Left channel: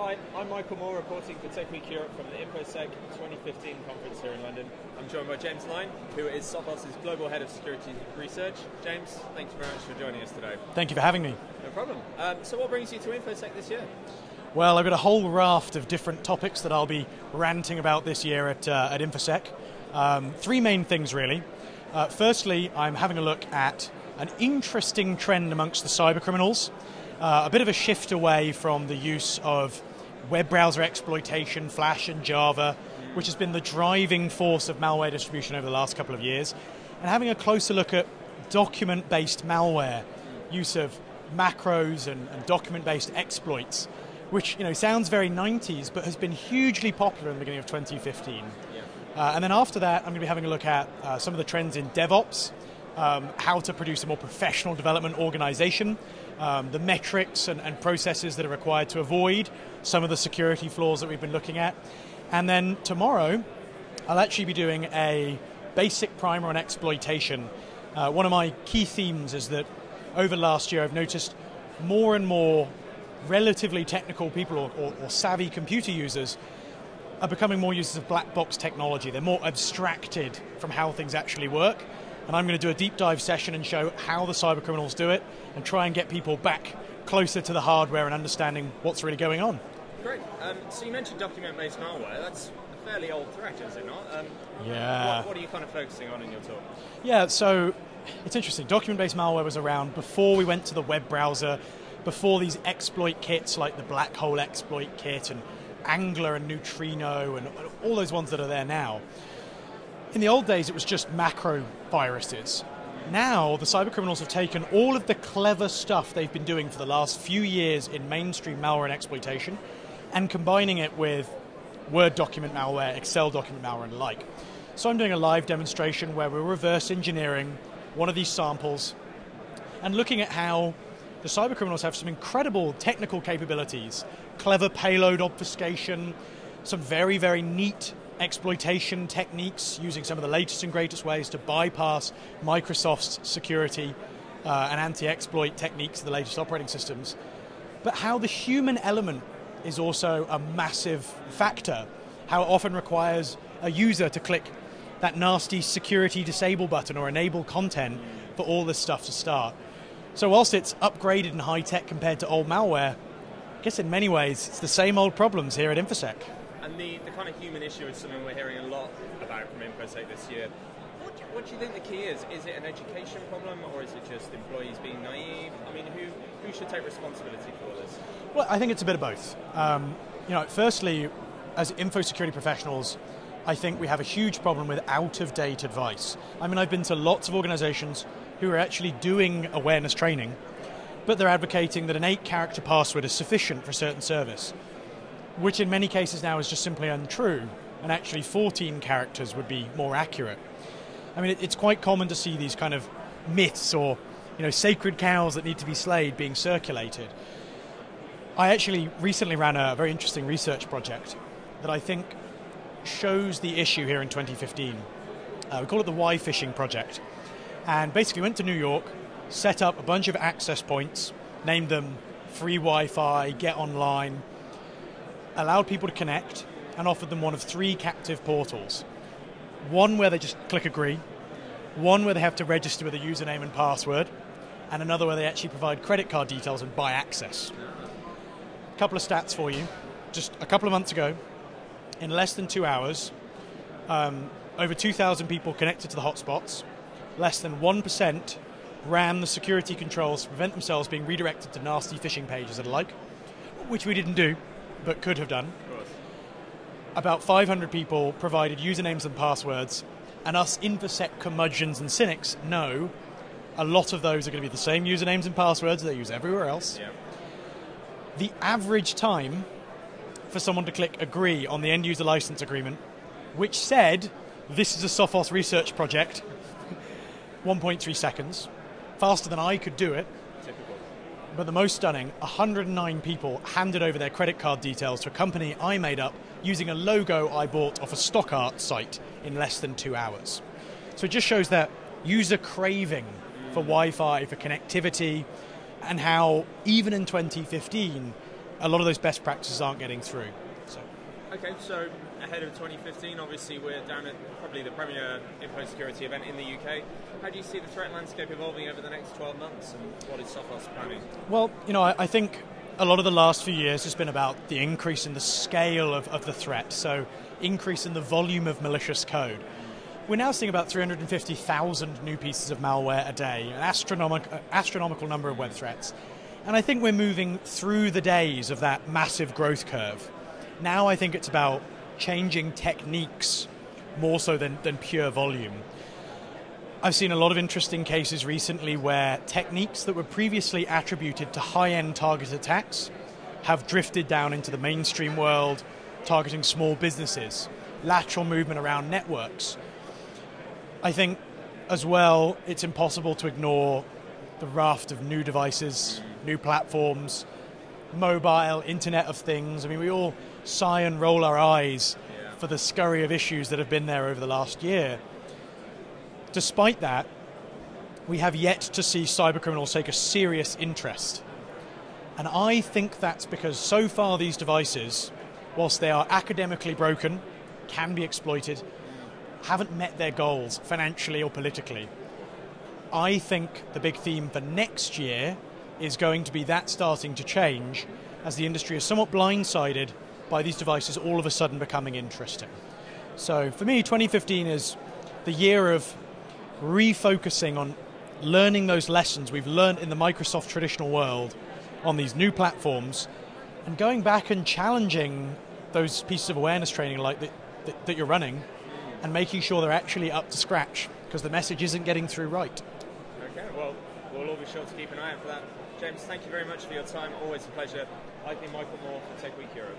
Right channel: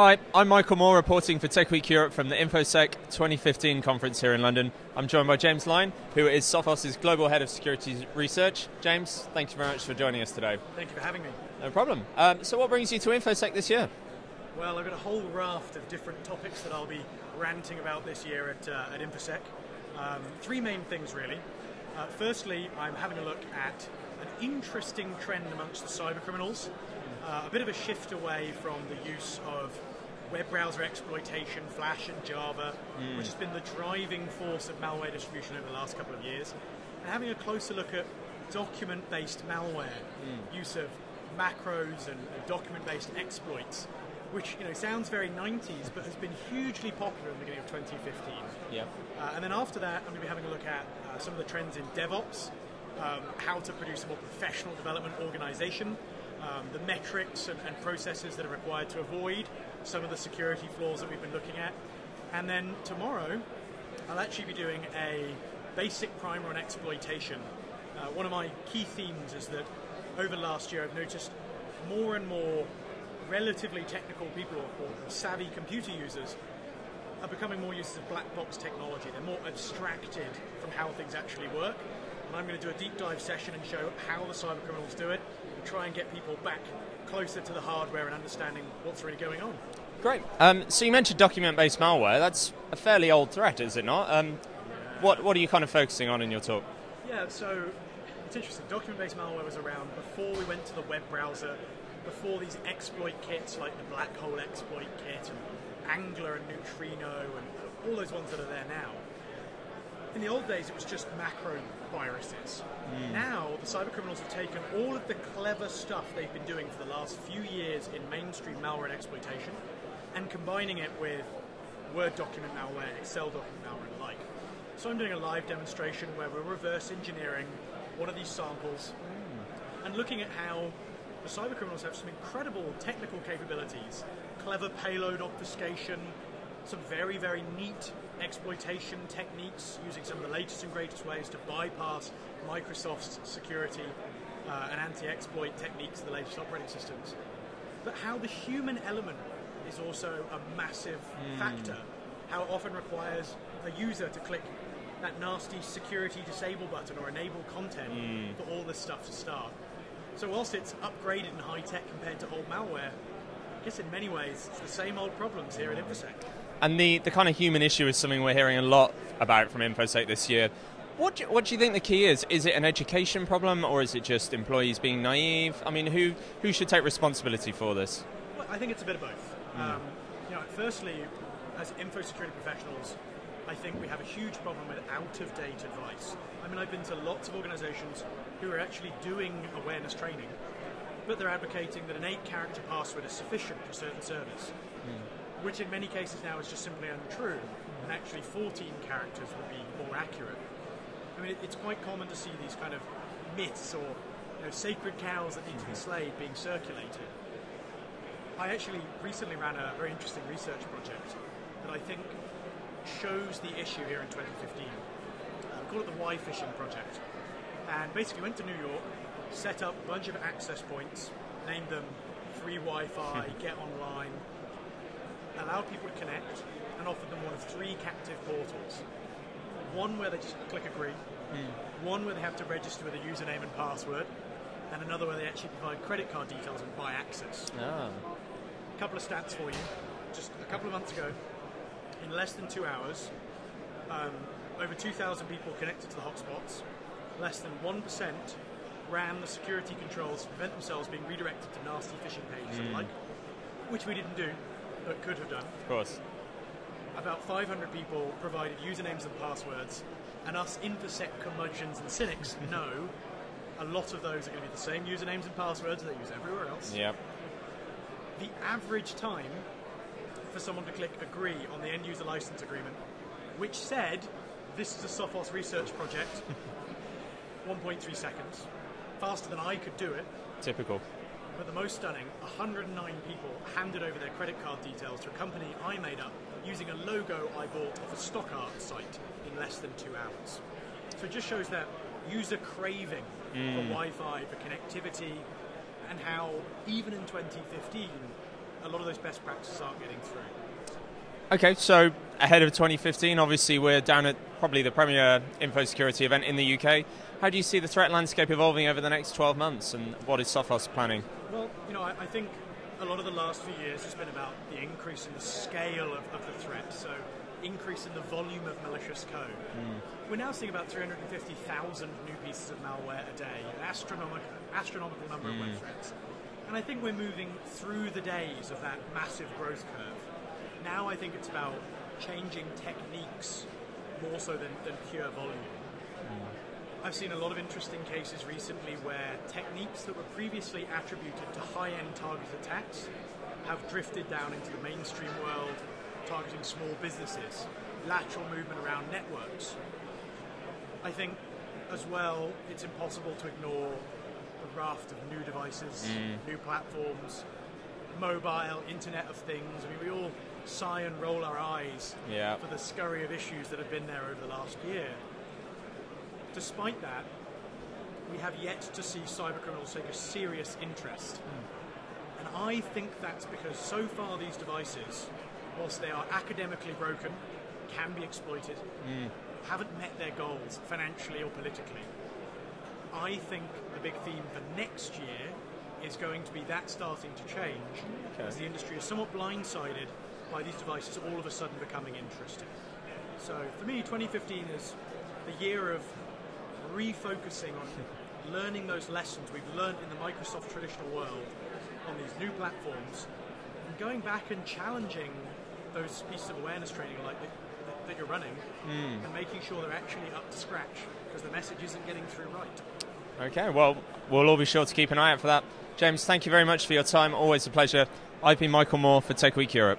Hi, I'm Michael Moore, reporting for TechWeekEurope from the InfoSec 2015 conference here in London. I'm joined by James Lyne, who is Sophos' Global Head of Security Research. James, thank you very much for joining us today. Thank you for having me. No problem. So what brings you to InfoSec this year? Well, I've got a whole raft of different topics that I'll be ranting about this year at InfoSec. Three main things, really. Firstly, I'm having a look at an interesting trend amongst the cyber criminals. A bit of a shift away from the use of web browser exploitation, Flash and Java, which has been the driving force of malware distribution over the last couple of years, and having a closer look at document-based malware, use of macros and document-based exploits, which sounds very 90s, but has been hugely popular in the beginning of 2015. Yeah. And then after that, I'm going to be having a look at some of the trends in DevOps, how to produce a more professional development organization, the metrics and processes that are required to avoid some of the security flaws that we've been looking at. And then tomorrow, I'll actually be doing a basic primer on exploitation. One of my key themes is that over last year, I've noticed more and more relatively technical people or savvy computer users are becoming more users of black box technology. They're more abstracted from how things actually work. And I'm going to do a deep dive session and show how the cyber criminals do it and try and get people back closer to the hardware and understanding what's really going on. Great. So you mentioned document-based malware. That's a fairly old threat, is it not? Yeah. What are you kind of focusing on in your talk? Yeah, so it's interesting. Document-based malware was around before we went to the web browser, before these exploit kits like the Black Hole Exploit Kit and Angler and Neutrino and all those ones that are there now. In the old days, it was just macro viruses. Now, the cyber criminals have taken all of the clever stuff they've been doing for the last few years in mainstream malware and exploitation and combining it with Word document malware, Excel document malware, and the like. So I'm doing a live demonstration where we're reverse engineering one of these samples and looking at how the cyber criminals have some incredible technical capabilities, clever payload obfuscation, some very, very neat exploitation techniques using some of the latest and greatest ways to bypass Microsoft's security and anti-exploit techniques of the latest operating systems. But how the human element is also a massive factor. How it often requires a user to click that nasty security disable button or enable content for all this stuff to start. So whilst it's upgraded and high-tech compared to old malware, I guess in many ways it's the same old problems here at InfoSec. And the kind of human issue is something we're hearing a lot about from InfoSec this year. What do you think the key is? Is it an education problem, or is it just employees being naive? I mean, who should take responsibility for this? Well, I think it's a bit of both. Firstly, as InfoSecurity professionals, I think we have a huge problem with out-of-date advice. I mean, I've been to lots of organizations who are actually doing awareness training, but they're advocating that an 8-character password is sufficient for a certain service, which in many cases now is just simply untrue, and actually 14 characters would be more accurate. I mean, it's quite common to see these kind of myths or sacred cows that need to be slayed being circulated. I actually recently ran a very interesting research project that I think shows the issue here in 2015. We call it the Why Phishing Project. And basically went to New York, set up a bunch of access points, named them free Wi-Fi, get online, allowed people to connect, and offered them one of 3 captive portals. One where they just click agree, one where they have to register with a username and password, and another where they actually provide credit card details and buy access. A couple of stats for you. Just a couple of months ago, in less than 2 hours, over 2,000 people connected to the hotspots. Less than 1% ran the security controls to prevent themselves being redirected to nasty phishing pages and the like, which we didn't do, but could have done. Of course. About 500 people provided usernames and passwords, and us InfoSec curmudgeons and cynics know a lot of those are going to be the same usernames and passwords they use everywhere else. Yep. The average time for someone to click agree on the end user license agreement, which said, this is a Sophos research project, 1.3 seconds, faster than I could do it. Typical. But the most stunning, 109 people handed over their credit card details to a company I made up using a logo I bought off a stock art site in less than 2 hours. So it just shows that user craving for Wi-Fi, for connectivity, and how even in 2015, a lot of those best practices aren't getting through. Okay, so ahead of 2015, obviously we're down at probably the premier InfoSecurity event in the UK. How do you see the threat landscape evolving over the next 12 months, and what is Sophos planning? Well, I think a lot of the last few years has been about the increase in the scale of the threat, so increase in the volume of malicious code. We're now seeing about 350,000 new pieces of malware a day, an astronomical number of web threats. And I think we're moving through the days of that massive growth curve. Now I think it's about changing techniques more so than pure volume. I've seen a lot of interesting cases recently where techniques that were previously attributed to high-end target attacks have drifted down into the mainstream world, targeting small businesses, lateral movement around networks. I think, as well, it's impossible to ignore the raft of new devices, new platforms, mobile, Internet of Things. I mean, we all sigh and roll our eyes for the scurry of issues that have been there over the last year. Despite that, we have yet to see cybercriminals take a serious interest. And I think that's because so far these devices, whilst they are academically broken, can be exploited, haven't met their goals financially or politically. I think the big theme for next year is going to be that starting to change as the industry is somewhat blindsided by these devices all of a sudden becoming interesting. So for me, 2015 is the year of refocusing on learning those lessons we've learned in the Microsoft traditional world on these new platforms, and going back and challenging those pieces of awareness training like that you're running, and making sure they're actually up to scratch, because the message isn't getting through right. Okay, well, we'll all be sure to keep an eye out for that. James, thank you very much for your time. Always a pleasure. I've been Michael Moore for TechWeekEurope.